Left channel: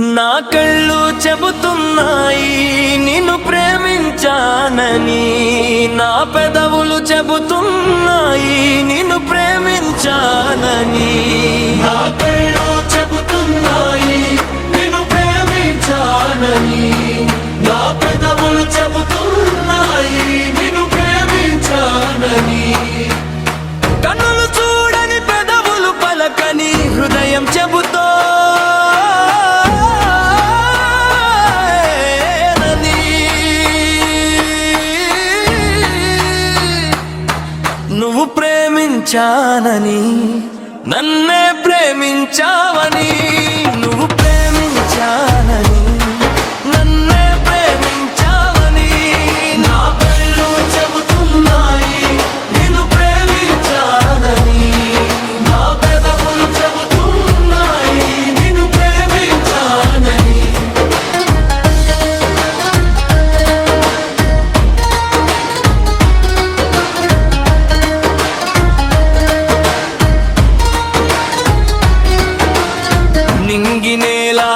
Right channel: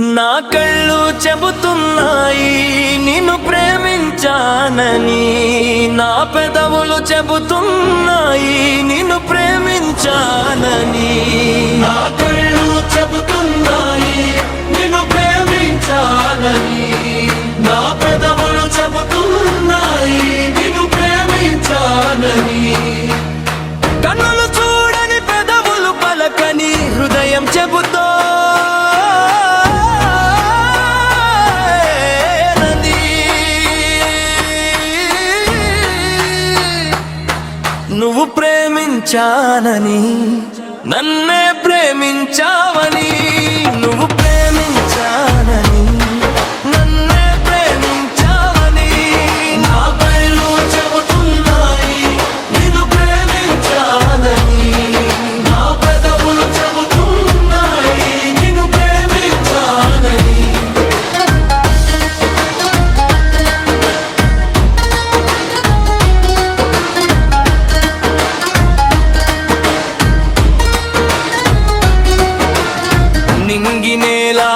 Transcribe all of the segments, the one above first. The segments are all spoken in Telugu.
నా కళ్ళు చెబుతున్నాయి నిన్ను ప్రేమించానని. నా పెదవులు చెబుతున్నాయి నిన్ను ప్రేమించానని. నా కళ్ళు చెబుతున్నాయి నిన్ను ప్రేమించానని. నా పెదవులు చెబుతున్నాయి నిన్ను ప్రేమించానని. కన్నులు చూడని పెదవులు పలకని హృదయం చెబుతో ప్రేమించానని. నన్నే ప్రేమించావని. నువ్వు ప్రేమించానని. నన్ను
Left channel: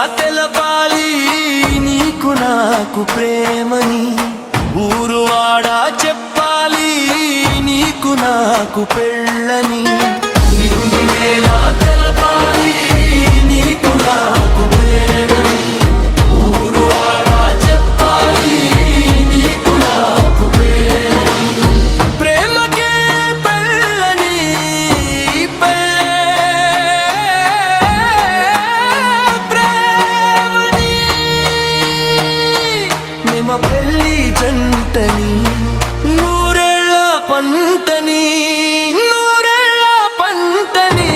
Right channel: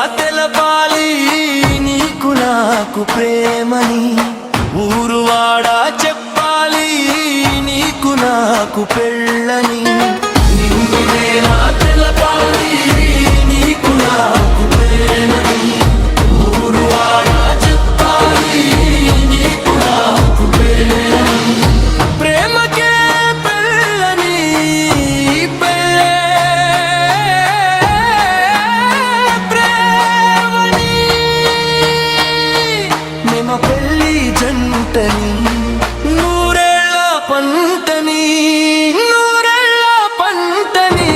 తెలపాలి. నీకు నాకు ప్రేమని ఊరువాడా చెప్పాలి. నీకు నాకు పెళ్ళని. నింగి ప్రేమ పెళ్ళి జంటని నూరేళ్ళ పంటని నూరేళ్ళ పంటని.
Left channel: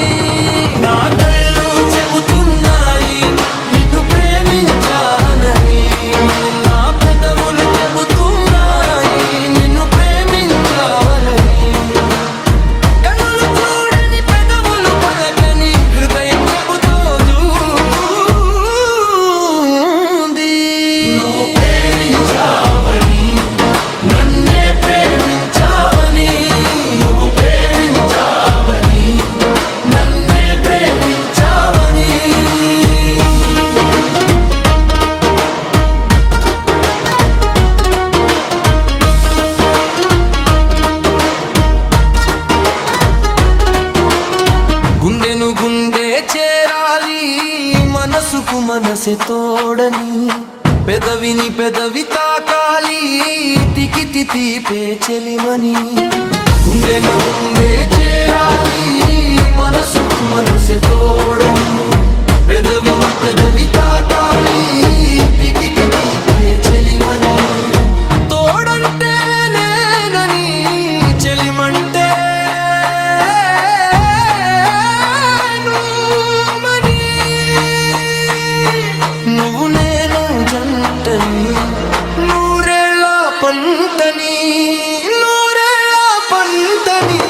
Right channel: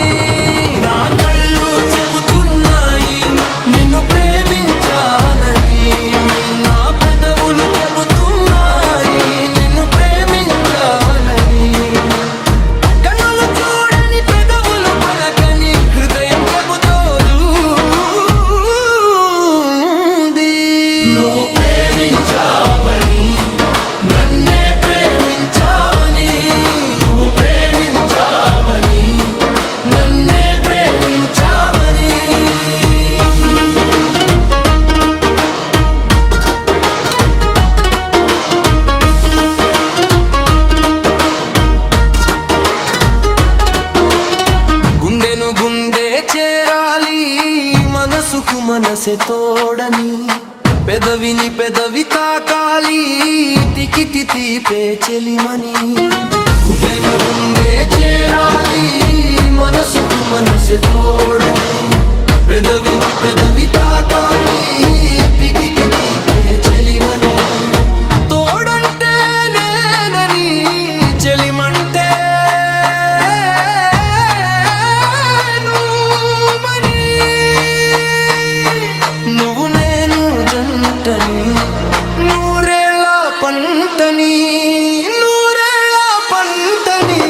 చేరాలి మనసుకు మనసే తోడని. పెదవిని పెదవి తాకాలి తికితి తీపే చెలిమని. గుండెను గుండె పంతని పంటని నూరేళ్ళ పంటని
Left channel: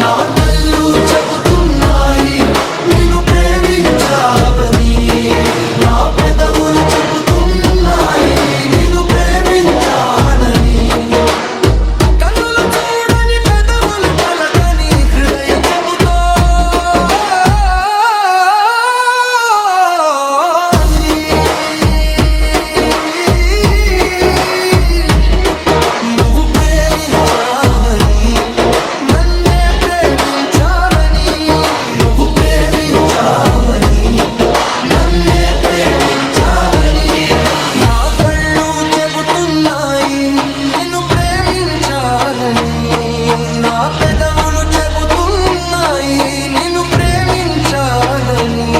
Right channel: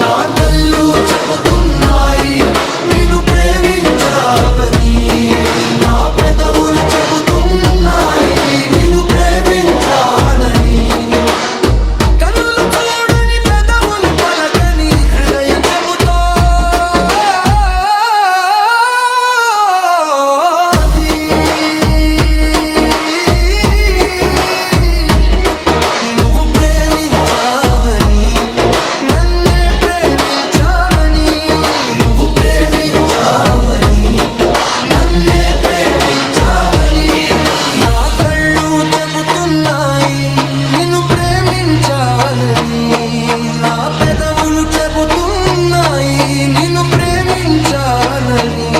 నా కళ్ళు చెబుతున్నాయి నిన్ను ప్రేమించాలని. నా పెదవులు చెబుతున్నాయి నిన్ను ప్రేమించాలని.